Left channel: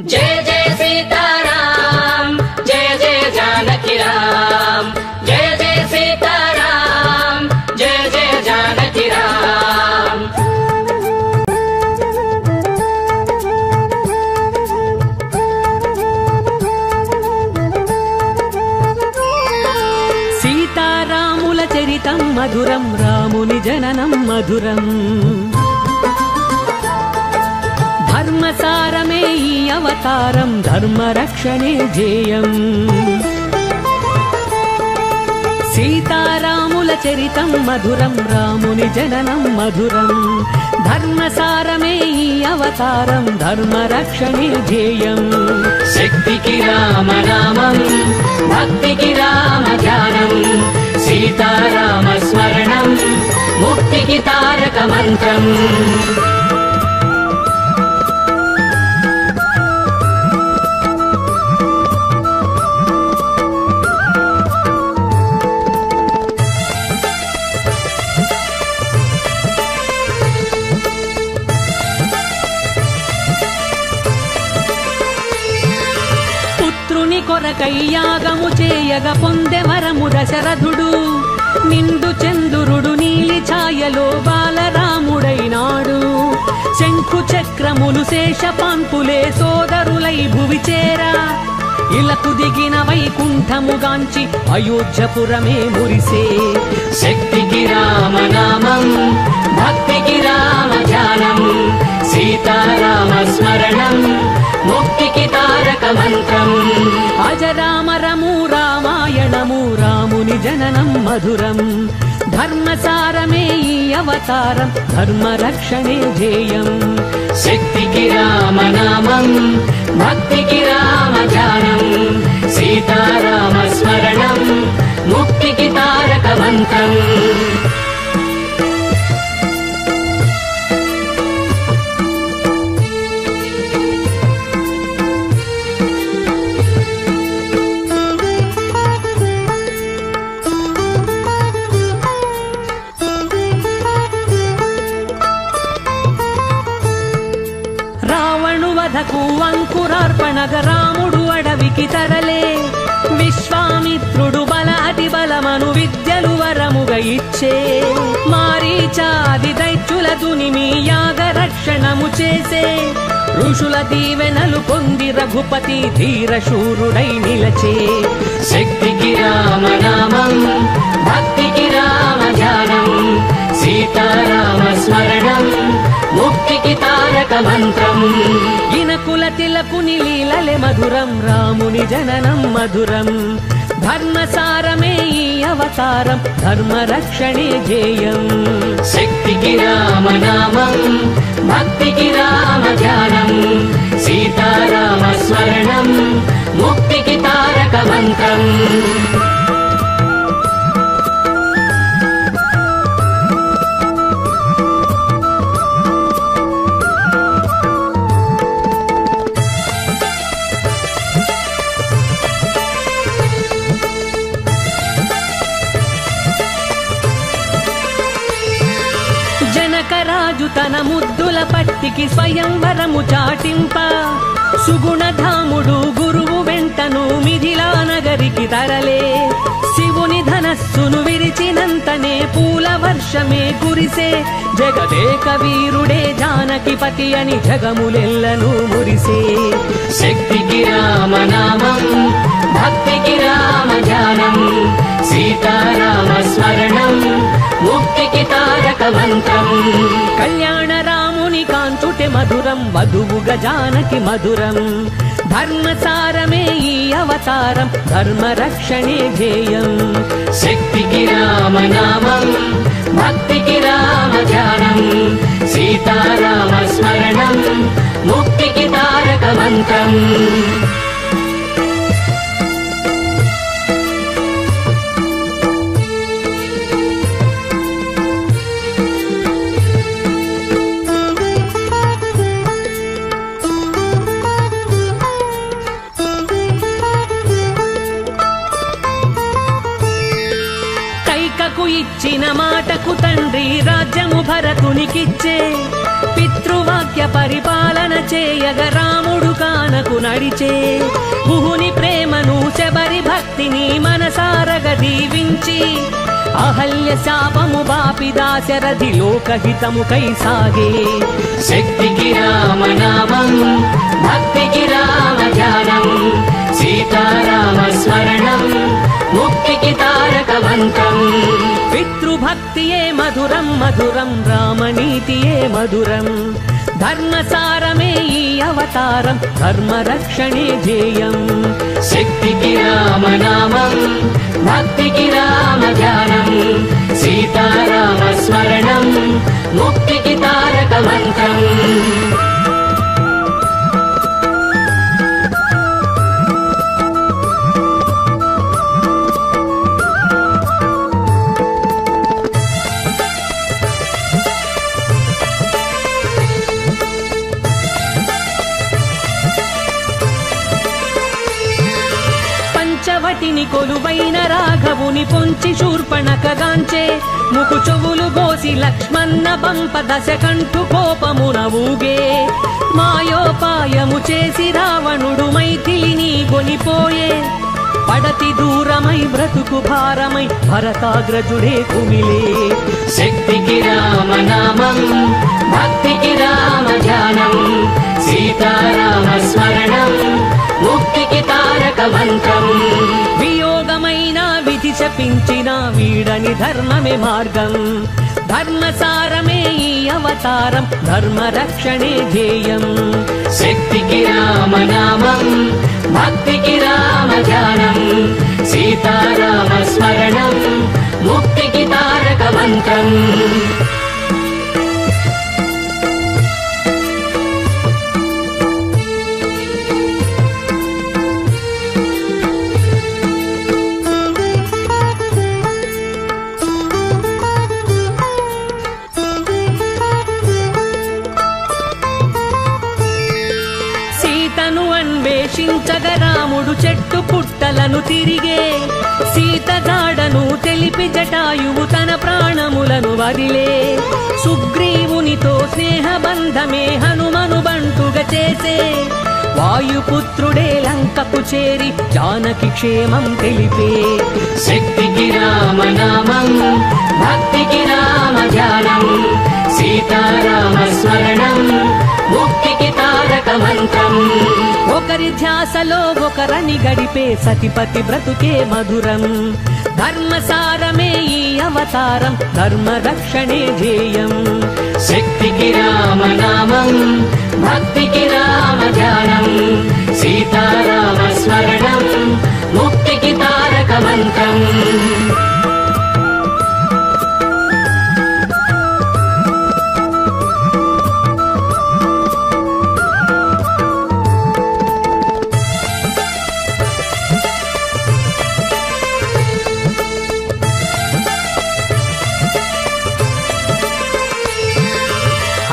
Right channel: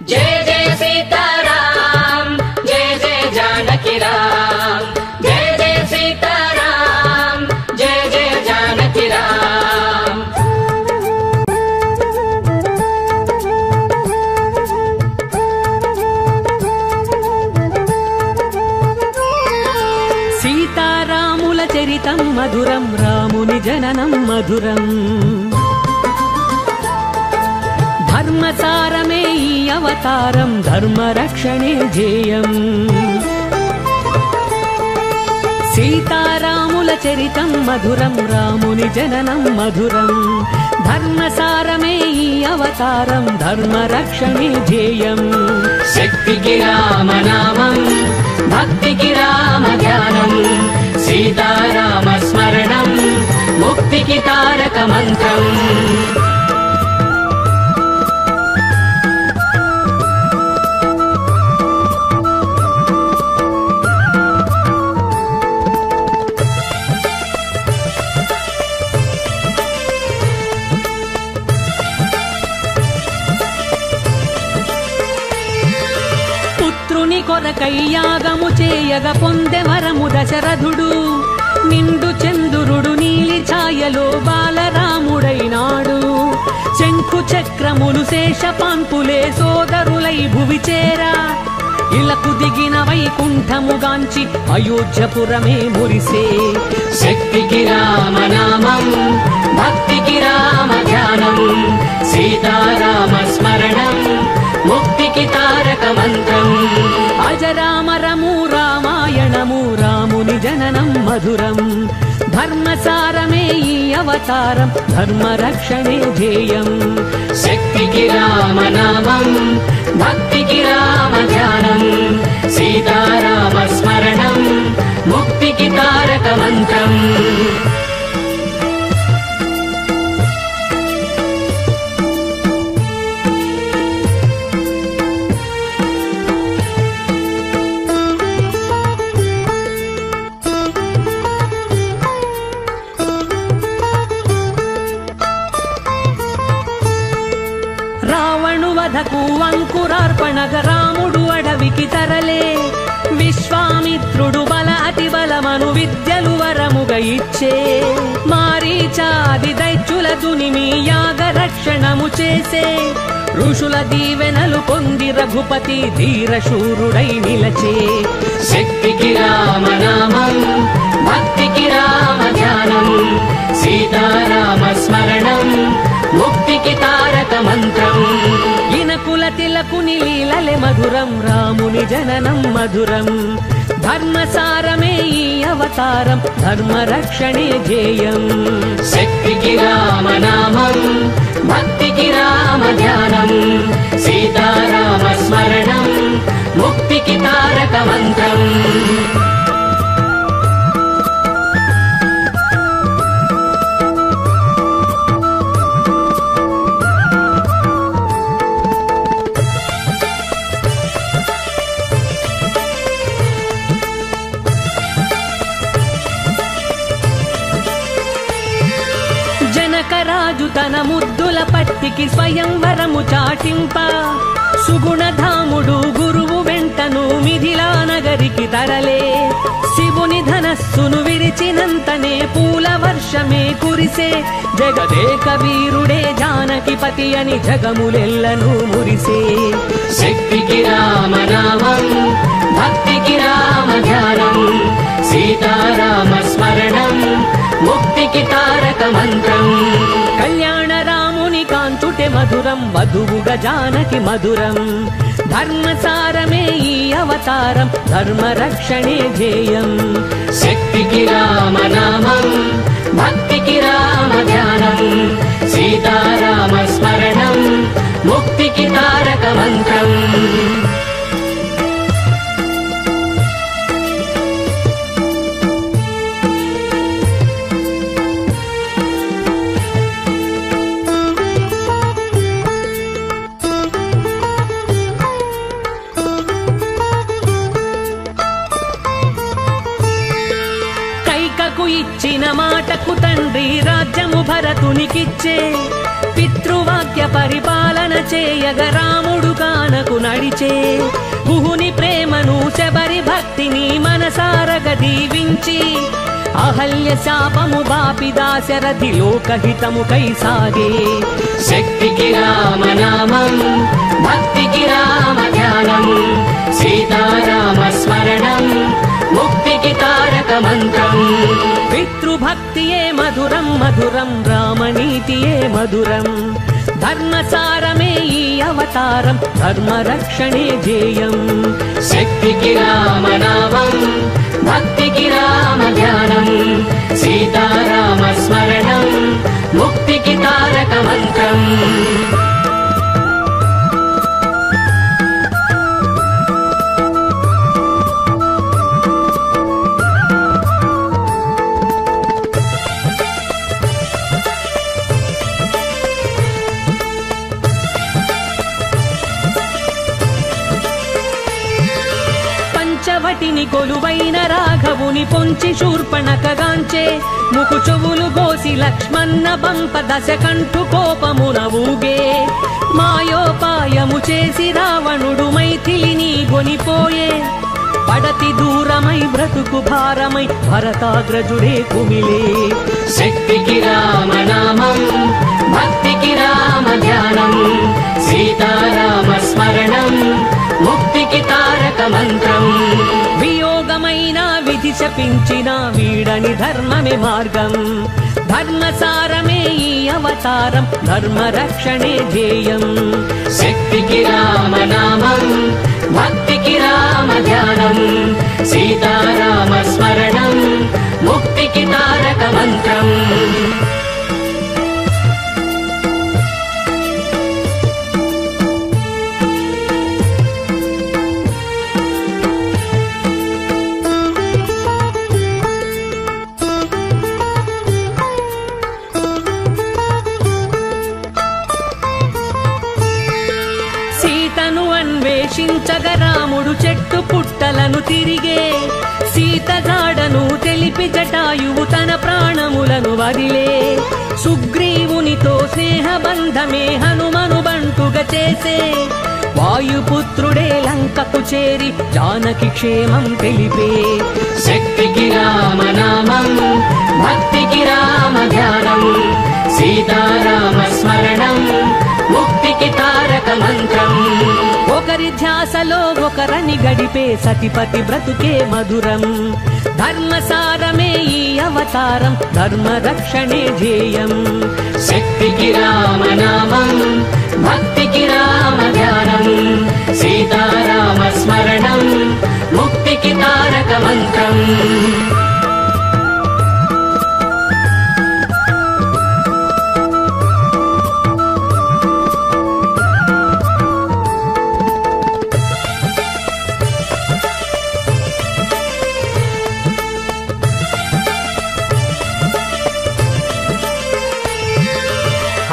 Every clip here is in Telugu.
जय जय सीताराम जय जय जानकी राम जय जय सीताराम जय जय जानकी राम। सीतारामुल चरितं मधुरं रामुनि जननं मधुरं धर्मसारमे अवतारं धर्मरक्षणे ध्येयम्। सीतारामुल चरितं मधुरं रामुनि जननं मधुरं धर्मसारमे अवतारं धर्मरक्षणे ध्येयम्। शक्तिकी रामनामं भक्तिकी राम ध्यानं सीताराम स्मरणं मुक्तिकी तारक मन्त्रम्। కొరకయ్యాగము చేయగ పొందె మరము దశరథుడు నిండు చంద్రుడు నీలి ఛాయలో బాలరాముడైనాడు। చెక్కు చక్రములు శేషపాంపులే సోదరులై భువి చేరా ఇలకు దిగిన వైకుంఠముగాంచి అయోధ్యపురమే మురిసే। శక్తికి రామనామం భక్తికి రామ ధ్యానం సీతారామ స్మరణం ముక్తికి తారక మంత్రం। అజరామరము రామాయణము రాముని జననం మధురం ధర్మసారమే అవతారం ధర్మరక్షణే ధ్యేయం। శక్తికి రామనామం భక్తికి రామ ధ్యానం సీతారామ స్మరణం ముక్తికి తారక మంత్రం। రావణు వధకు అంకురార్పణగ రాముడు అడవికి తరలే విశ్వామిత్రుడు బల అతి బలమను విద్యలు వరముగా ఇచ్చే। మారీచాది దైత్యుల తునిమి యాగ రక్షణము చేసే ఋషుల దీవెనలు పొంది రఘుపతి ధీరశూరుడై నిలచే। శక్తికి రామనామం భక్తికి రామ ధ్యానం సీతారామ స్మరణం ముక్తికి తారక మంత్రం। ఇనకుల తిలకుని లీలలే మధురం రాముని జననం మధురం ధర్మసారమే అవతారం ధర్మరక్షణే ధ్యేయం। శక్తికి రామనామం భక్తికి రామ ధ్యానం సీతారామ స్మరణం ముక్తికి తారక మంత్రం। రాజు తన ముద్దుల పట్టికి స్వయంవరము చాటింప సుగుణధాముడు గురువు వెంటను మిథిలా నగరికి తరలే। శివుని ధనస్సును విరిచినంతనే పూల వర్షమే కురిసే జగదేక వీరుడే జానకిపతి అని జగములెల్లను మురిసే। శక్తికి రామనామం భక్తికి రామ ధ్యానం సీతారామ స్మరణం ముక్తికి తారక మంత్రం। కళ్యాణ రాముని కాంచుటే మధురం వధువుగా జానకి మధురం ధర్మసారమే ఈ అవతారం ధర్మరక్షణే ధ్యేయం। శక్తికి రామనామం భక్తికి రామ ధ్యానం సీతారామ స్మరణం ముక్తికి తారక మంత్రం। ఇచ్చిన మాటకు తండ్రి రాజ్యము భరతునికిచ్చే పితృవాక్య పరిపాలన చేయగ రాముడు కానకు నడిచే గుహుని ప్రేమను శబరి భక్తిని మనసారగ దీవించి అహల్య శాపము బాపి దాశరథి లోకహితము కై సాగే శక్తికి రామనామం భక్తికి రామ ధ్యానం సీతారామ స్మరణం ముక్తికి తారక మంత్రం పితృభక్తియే మధురం మధురం రామనీతియే మధురం ధర్మసారమే ఈ అవతారం ధర్మ రక్షణే ధ్యేయం శక్తికి రామనామం భక్తికి రామ ధ్యానం సీతారామ స్మరణం ముక్తికి తారక మంత్రం పంచవటిని కొలువైన రాఘవుని పొంచి శూర్పణకగాంచే ముకు చెవులు గోసి లక్ష్మణ పంప దశకంఠు కోపమున ఊగే మాయోపాయము చేసి రావణుడు మైథిలిని కొనిపోయే పడతి దూరమై బ్రతుకు భారమై భరతాగ్రజుడే కుమిలే శక్తికి రామనామం భక్తికి రామ ధ్యానం సీతారామ స్మరణం ముక్తికి తారక మంత్రం వియోగమైన విధి శపించిన వీడని ధర్మమే మార్గం ధర్మసారమే ఈ అవతారం ధర్మ రక్షణే ధ్యేయం శక్తికి రామనామం భక్తికి రామ ధ్యానం సీతారామ స్మరణం ముక్తికి తారక మంత్రం సీతను అన్వేషించగ రాముడు చెట్టు పుట్టలను తిరిగే సీత జాడను తెలిపి జటాయువు తన ప్రాణములను వదిలే సుగ్రీవునితో స్నేహబంధమే హనుమను బంటుగా చేసే వాయుపుత్రుడే లంకకు చేరి జానకి క్షేమం తెలిపే శక్తికి రామనామం భక్తికి రామ ధ్యానం సీతారామ స్మరణం ముక్తికి తారక మంత్రం ఒకరి ధ్యాసలో ఒకరిని గడిపే సతిపతి బ్రతుకే మధురం ధర్మసారమే ఈ అవతారం ధర్మ రక్షణే ధ్యేయం శక్తికి రామనామం భక్తికి రామ ధ్యానం సీతారామ స్మరణం ముక్తికి తారక మంత్రం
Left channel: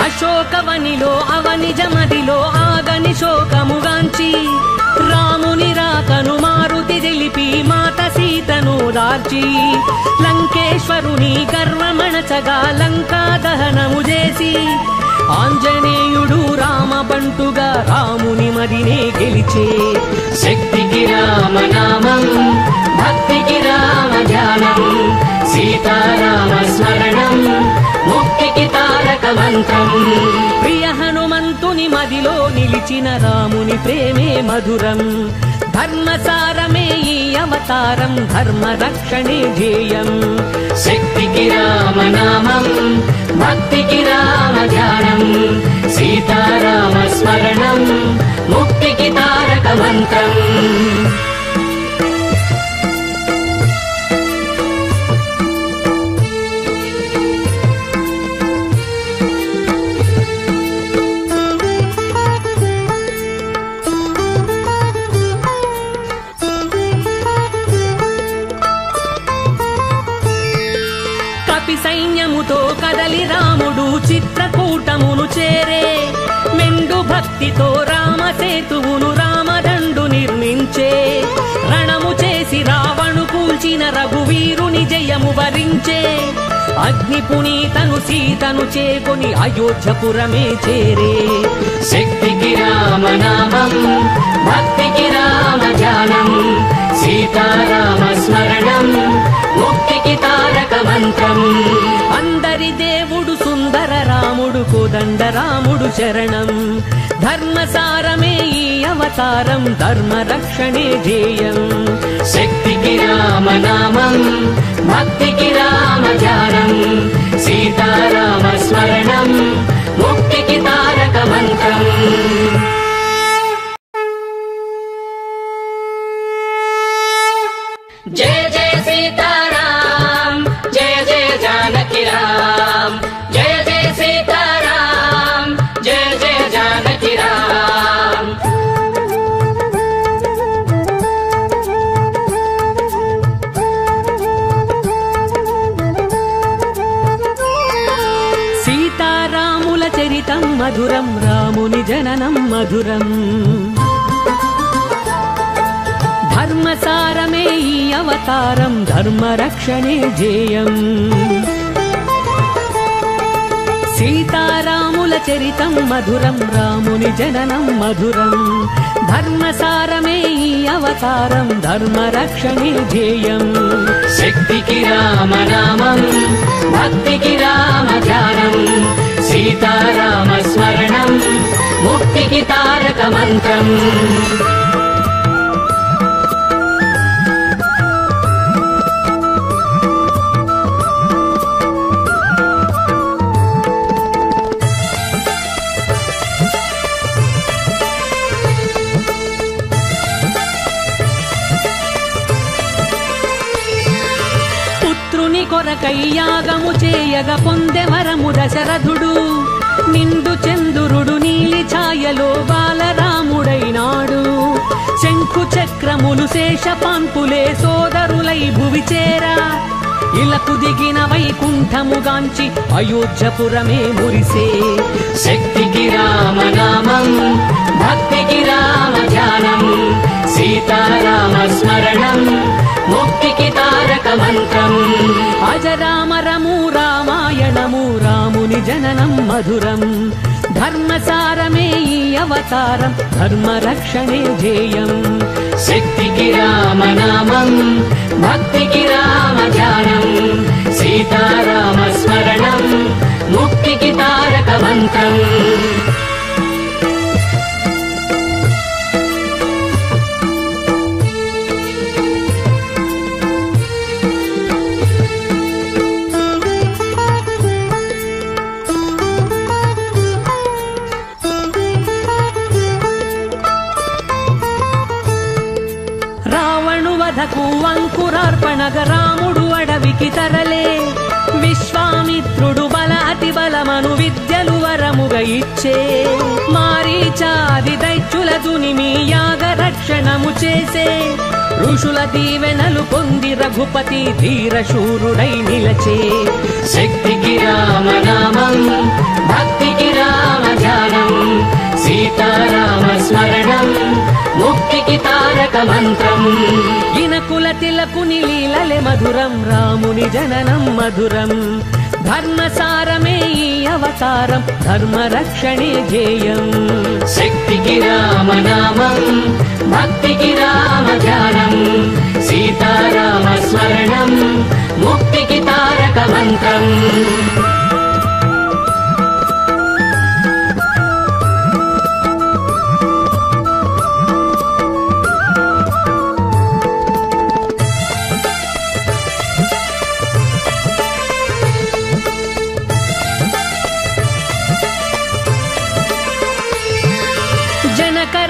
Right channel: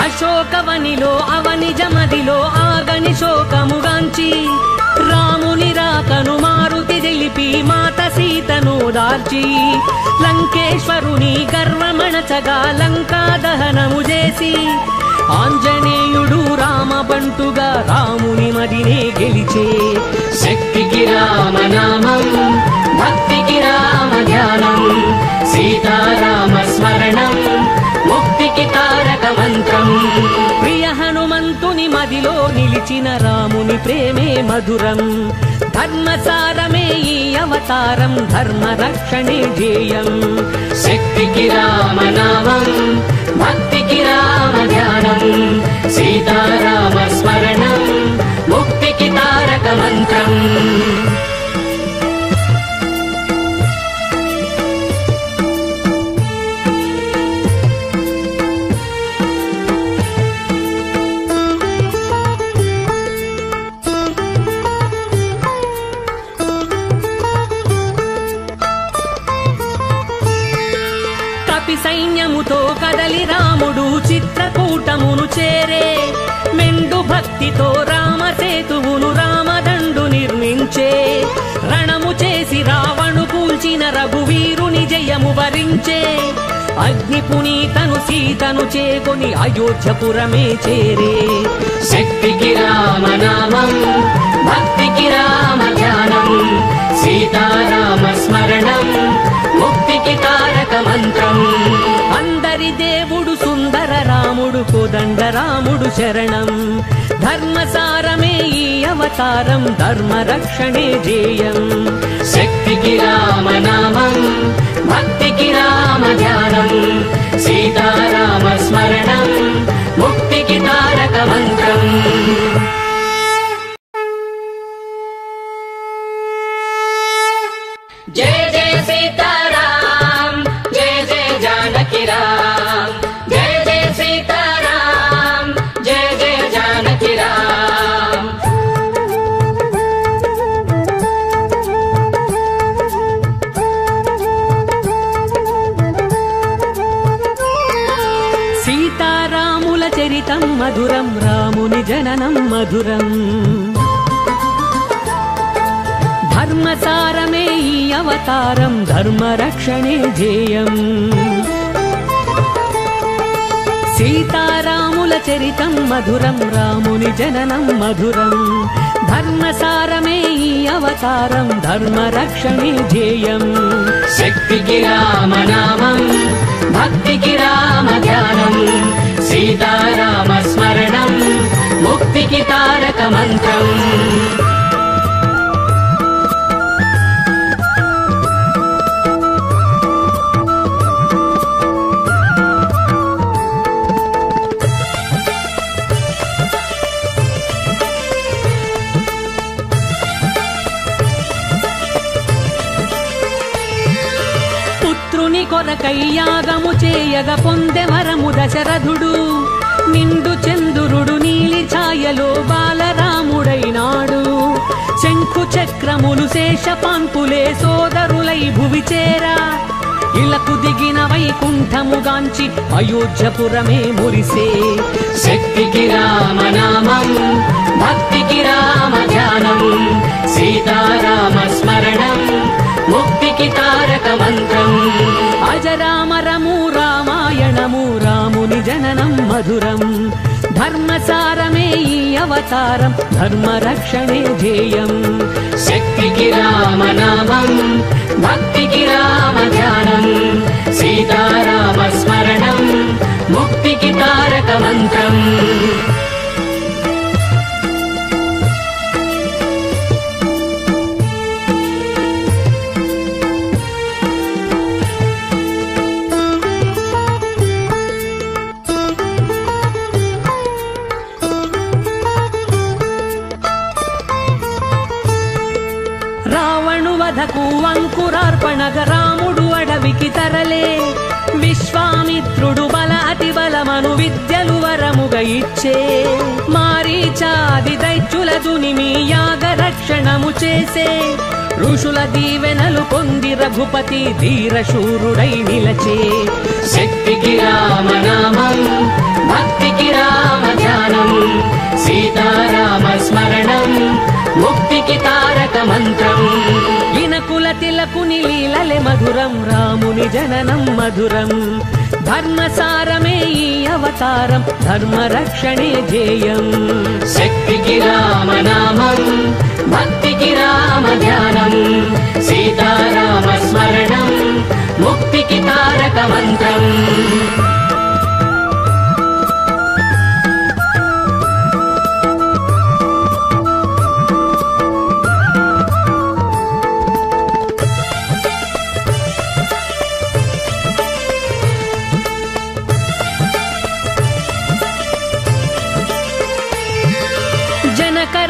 అశోకవనిలో అవని జమదిలో ఆగని శోకముగాంచి రాముని రాకను మారుతి తెలిపి మాత సీతను దాల్చి లంకేశ్వరుని గర్వమణచగా లంకా దహనము చేసి ఆంజనేయుడు రామబంతుగా రాముని మదినే గెలిచి శక్తికి రామనామం భక్తికి రామ ధ్యానం సీతారామ స్మరణం ముక్తికి తారక మంత్రం ప్రియ హనుమంతుని మదిలో నిలిచిన రాముని ప్రేమే మధురం ధర్మసారమే ఈ అవతారం ధర్మ రక్షణే ధ్యేయం శక్తికి రామనామం భక్తికి రామ ధ్యానం సీతారామ స్మరణం ముక్తికి తారక మంత్రం కపి సైన్యముతో కదలి రాముడు చిత్రకూటమును చేరే మెండు భక్తితో రామసేతువును రామదండు నిర్మించే రణము చేసి రావణు కూల్చిన రఘువీరుని జయము వరించే అగ్ని పునీతను సీతను చేకొని అయోధ్యపురమే చేరే. శక్తికి రామనామం భక్తికి రామ ధ్యానం సీతారామ స్మరణం ముక్తికి తారక మంత్రం. అందరి దేవుడు సుందర రాముడు కోదండ రాముడు శరణం. ధర్మసారమే అవతారం ధర్మ రక్షణే ధ్యేయం. శక్తికి రామనామం భక్తికి రామ ధ్యానం సీతారామ స్మరణం ముక్తికి తారక మంత్రం. జయ జయ సీతారాం జయ జయ జానకి రామ్ జయ జయ సీతారాం జయ జయ జానకి రామ్. సీతారాముల చరితం మధురం రాముని జననం మధురం. ధర్మసారమే అవతారం ధర్మ రక్షణే ధ్యేయం. సీతారాముల చరితం మధురం రాముని జననం మధురం. ధర్మసారమే అవతారం ధర్మ రక్షణే ధ్యేయం. శక్తికి రామనామం భక్తికి రామ ధ్యానం సీతారామ స్మరణం ముక్తికి తారక మంత్రం. పుత్రుని కొరకై యాగము చేయగ పొందె వరము దశరథుడు. నిండు చంద్రుడు నీలి ఛాయలో బాలరాముడైనాడు. శంకు చక్రములు శేషపాంకులే సోదరులై భువి చేరా. ఇలకు దిగిన వైకుంఠముగాంచి అయోధ్యపురమే మురిసే. శక్తికి రామనామం భక్తికి రామ ధ్యానం సీతారామ స్మరణం ముక్తికి తారక మంత్రం. అజరామరము రామాయణము రాముని జననం మధురం. ధర్మసారమే అవతారం ధర్మ రక్షణే ధ్యేయం. శక్తికి రామనామం భక్తికి రామ ధ్యానం సీతారామ స్మరణం ముక్తికి తారక మంత్రం. రావణు వధకు అంకురార్పణగ రాముడు అడవికి తరలే. విశ్వామిత్రుడు బలాటి బలమను విద్యలు వరముగా ఇచ్చే. మారీచాది దైత్యుల దునిమి యాగ రక్షణము చేసే. ఋషుల దీవెనలు పొంది రఘుపతి ధీరశూరుడై నిలచే. శక్తికి రామనామం భక్తికి రామ ధ్యానం సీతారామ స్మరణం ముక్తికి తారక మంత్రం. ఇనకుల తిలకుని లీలలే మధురం రాముని జననం మధురం. ధర్మసారమే అవతారం ధర్మ రక్షణే ధ్యేయం. శక్తికి రామనామం భక్తికి రామ ధ్యానం సీతారామ స్మరణం ముక్తికి తారక మంత్రం.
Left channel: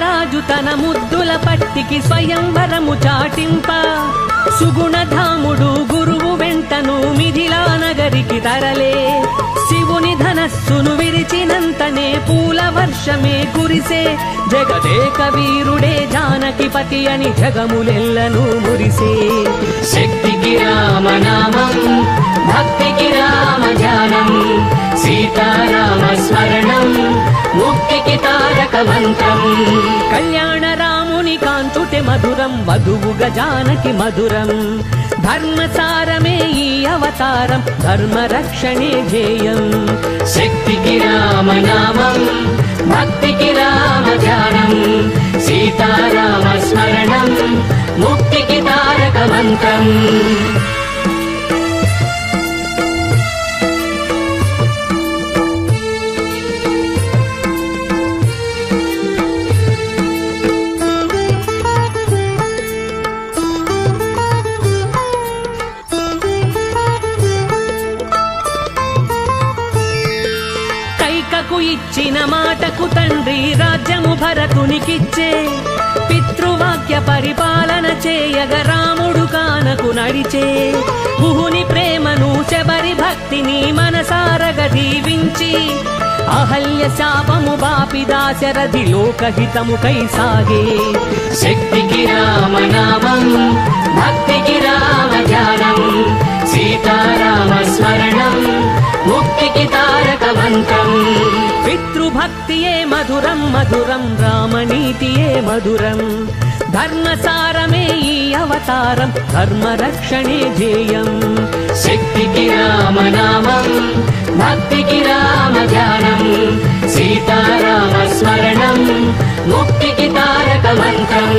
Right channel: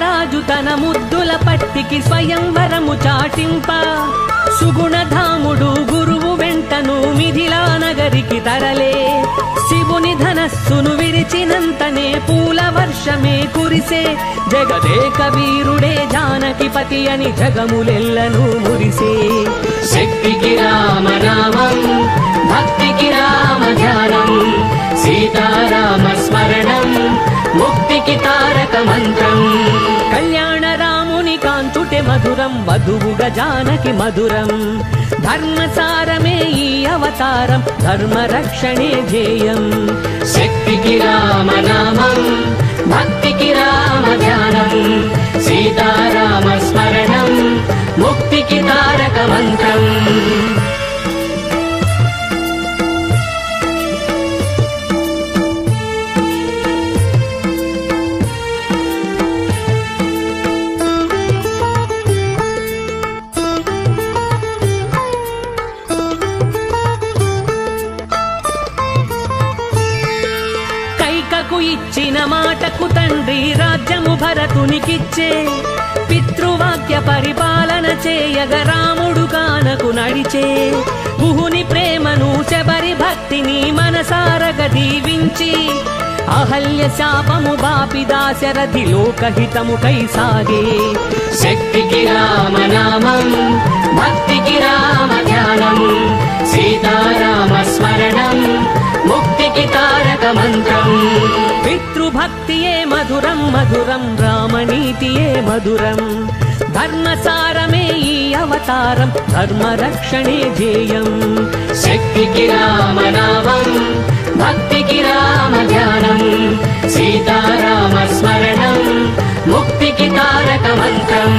రాజు తన ముద్దుల పట్టికి స్వయంవరము చాటింత. సుగుణధాముడు గురువు వెంటను మిథిలా నగరికి తరలే. శివుని ధనస్సును విరిచినంతనే పూల వర్షమే కురిసే. జగదేక వీరుడే జానకిపతి అని జగములెల్లను మురిసే. శక్తికి రామనామం భక్తికి రామ ధ్యానం సీతారామ స్మరణం ముక్తికి తారక మంత్రం. కళ్యాణ రాముని కాంచుటే మధురం వధువుగా జానకి మధురం. ధర్మసారమే ఈ అవతారం, ధర్మరక్షణే ధ్యేయం. శక్తికి రామనామం, భక్తికి రామ ధ్యానం, సీతారామ స్మరణం, ముక్తికి తారక మంత్రం. ఇచ్చిన మాటకు తండ్రి రాజ్యము భరతునికిచ్చే, పితృవాక్య పరిపాలన చేయగ రాముడు కానకు నడిచే. గుహుని ప్రేమను శబరి భక్తిని మనసారగ దీవించి, అహల్య శాపము బాపి దాశరథి లోకహితము కై సాగే. శక్తికి రామనామం, భక్తికి రామ ధ్యానం, సీతారామ స్మరణం, ముక్తికి తారక మంత్రం. పితృభక్తియే మధురం మధురం, రామనీతియే మధురం. ధర్మసారమే ఈ అవతారం, ధర్మరక్షణే ధ్యేయం. శక్తికి రామనామం, భక్తికి రామ ధ్యానం, సీతారామ స్మరణం, ముక్తికి తారక మంత్రం.